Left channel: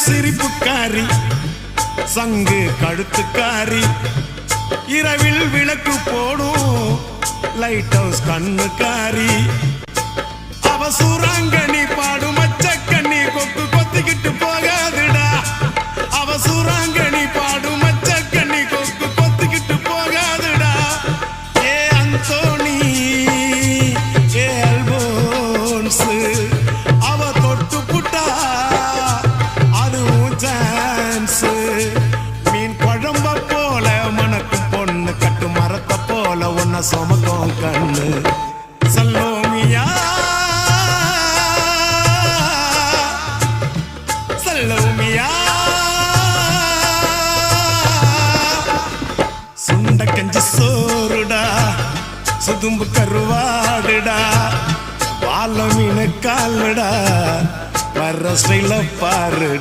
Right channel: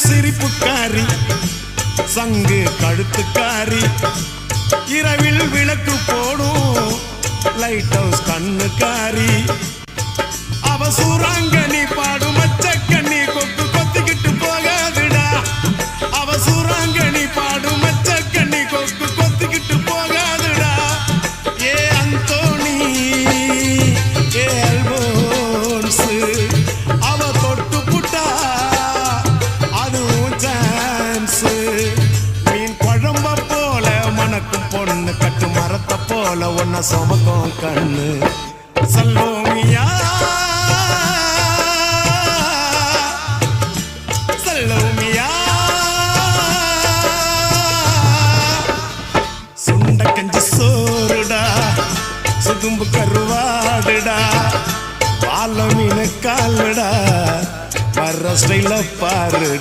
சிரிப்புக்காரி சங்கு கழுத்துக்காரி இரவில் விளக்கு போடும் லைட் ஹவுஸ் கண்ணுக்காரி அவ சூறாங்கண்ணி பாடும் மச்சக்கண்ணி கொக்கு கொத்திக்கிட்டு போகாதுடா அவ சூறாங்கண்ணி பாடும் மச்சக்கண்ணி கொக்கு கொத்திக்கிட்டு போகாதுடா ஏ அந்தோணி ஏ அல்போன்ஸ் அவ தொட்டு புட்டா அதுவும் சான்ஸ் மீன் குழம்ப போல மணக்கும் பொண்ணு கட்டு மரத்தை போல ஒன்ன சுமக்கும் கண்ணு சல்லோமியா சல்லோமியா சுண்ட கஞ்சி சோறுடா சுதும்பு கருவாடுடா வாழ மீன் காலுடா வர்ற ஸ்டைல பாருடா